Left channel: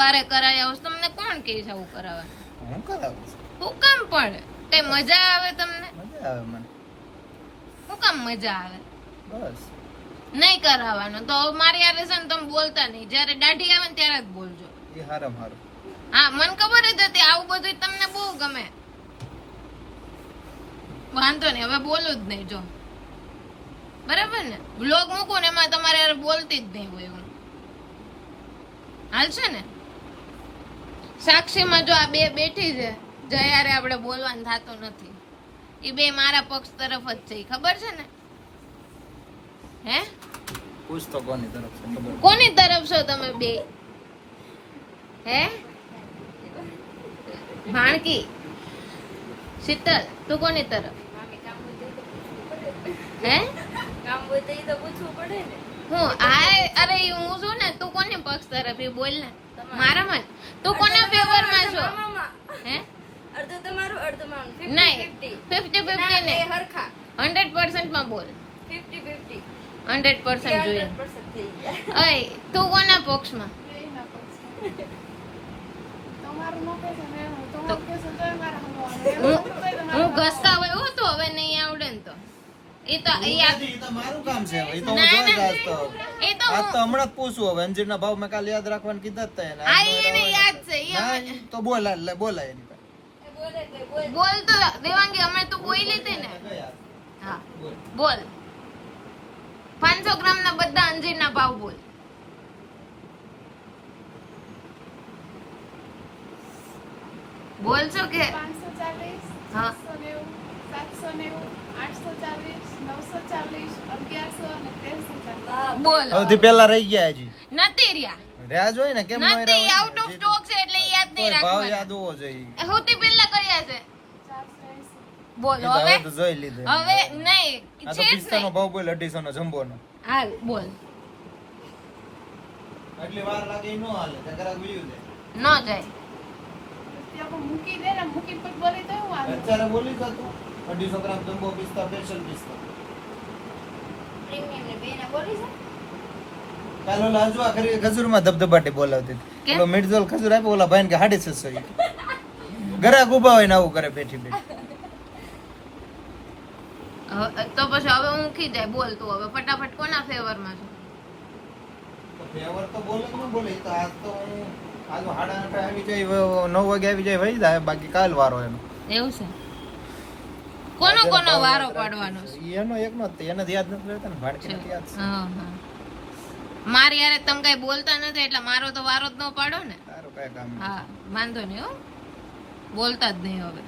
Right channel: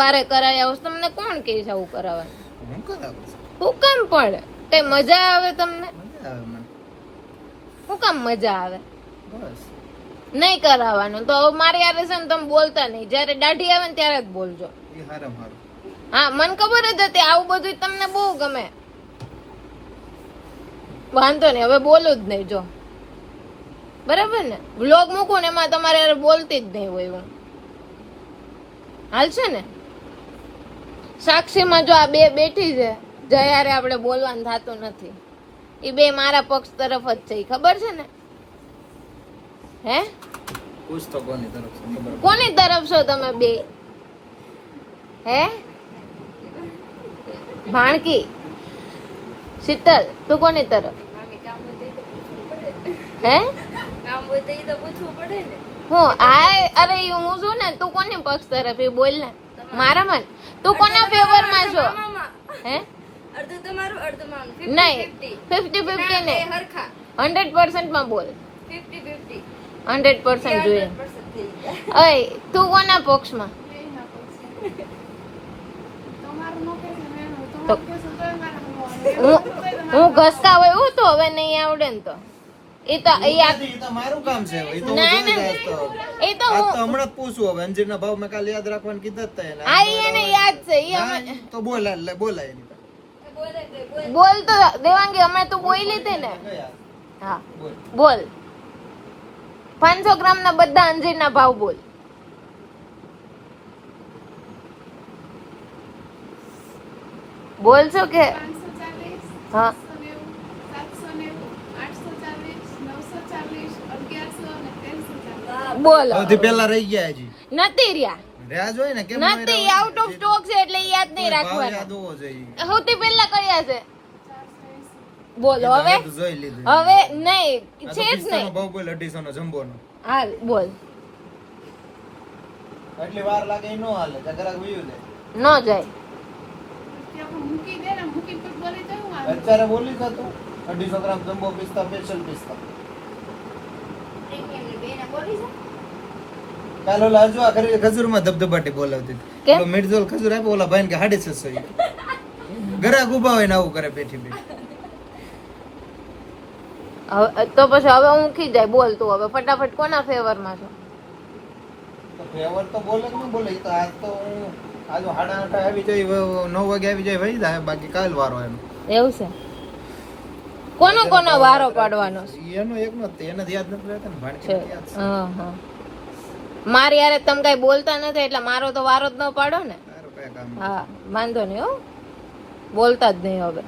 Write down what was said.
વારે કરાયા હો તમને કોણ કહે છે આવું કરાવવાનું? હું કરાવું છું. હું કામ પડે? કઈ મજા આવે તમને? મજા આવે મને. હું કામ મજા આવે? બસ નહીં કરાવવાનું તો મારી યાર છે ને તમે બોલતા નહીં. જયારે દાઢી આવે ને ત્યારે જ બોલજો. એ હારામ હારું. હા મને ખબર જ હતી આવું બધું તમને બહુ ગમે. વાંધો નહીં હવે બોલું જ નહીં. જો બરાબર ને વ્લોગ મૂકું ને એમાં તમારે યાર બોલતી જ નહીં હોય હું. હાલશે ને? સાક્ષીમાં જો આ બે બેઠી છે જયારે આપણે બોલવાનું થતું નથી. એ બે મારા પક્ષ તરફ જ છે ખબર છે ને? હે પૂછ તો કોની તરફ છે ખબર? કોની તરફ છો તમે બે? હે ભાણકી શીતલ તું કોની તરફ? હે હું અરે હું છું ને તું કોની પક્ષ તરફ એ બોલ ને મારા મન. તું કોના ફેવર માં છો? હે અડધું તમારું અડધું મારું. નહીં 50-50 ને 100% માં બોલ. 50-50 100% જોઈએ. અય તું કોના પક્ષમાં? હું ઘસકા હોય હું તો હવે નહીં આવડે ને તો એ તો મારું કામ છે. એ તો હું ના, જોઈ ના. આજ તો એ તો આજ તો હમણાં જ પૂછું. હવે અંજીરના ભાવ મેં કાલે યાદ રાખવાનું કીધા જ તા એને. આ એને યાદ છે ઈ હા, અમે તો બોલાય એની પાસે. બોલ તો દેવાંગી હમણાં તું બોલી હતી ને. હા બોલ 500 ગ્રામ ના બધા અંજીરના ભાવ બોલ. બોલ છો કે 540, હા 790, 840, 940, 1100 અને 1340. બોલ સૌથી પહેલા રહી ગયા હજી. નથી રહ્યા રહ્યા જ હોય ને કેમ ન રહ્યા નથી હોય? આઉટ ઓફ સ્ટોક છે એટલે ઈ યાદ નહીં ભાવ રાખવાના. યાદ હોવો જોઈએ. સૌથી પહેલા કયા છે 480. બોલ એ તો હવે હવે તો જોઈ લીધું. હવે નહીં આ તો છે જ પિસ્તાનો નહીં. ભાવ બોલ 250 નો જમ્બો નો. હાલ બોલ એટલી વાર લાગે ઈ નો હાલે. તકરા ગુયું દે. ન જાય. ત્યાં મૂકી દે ને મૂકી પછી બોલી તો હું વાંધો. અત્યારે બોલી તો તું 250 ગ્રામ જમ્બો પિસ્તા સ્પેશિયલ પિસ્તા. પ્રીમિયમ ને બેના બોલી છે. કાલ ઓલા હજુ આ ખજૂરમાં ધબધબાટી બોલાવતી હતી. કેમ? ઓલો મિર્ઝોલ ખજૂર આપ્યો ઓલા ભાઈને કે 650. ઘરાક ઉભા હોય ને આવું કરે બેઠી બેઠી. તો પછી હવે હું ઊંઘી જાય. બોલ તું હવે ફટાફટ કોના ફેવરમાં છે? ફેવર તો બોલે ને બોલે. ઈ તો આજ તો આજ 8:30 આવી જાય 9 વાગે આવી જાય વહી જાય. બાકી કાલ વારો એનો. એવું છે? કોનો વારો પાડવાનો છે? ઈ એનો એકનો જ તે. એને જ યાદ નથી રહેતા ને ભાણકીને જ યાદ છે. હા હા મારી યારે તમે કઈ બોલતા નથી એટલે મારો તો વારો જ ન પાડો ને. તારું કઈ કામ નથી. હા વાંધો નહીં હો બોલતા જ નહીં હવે.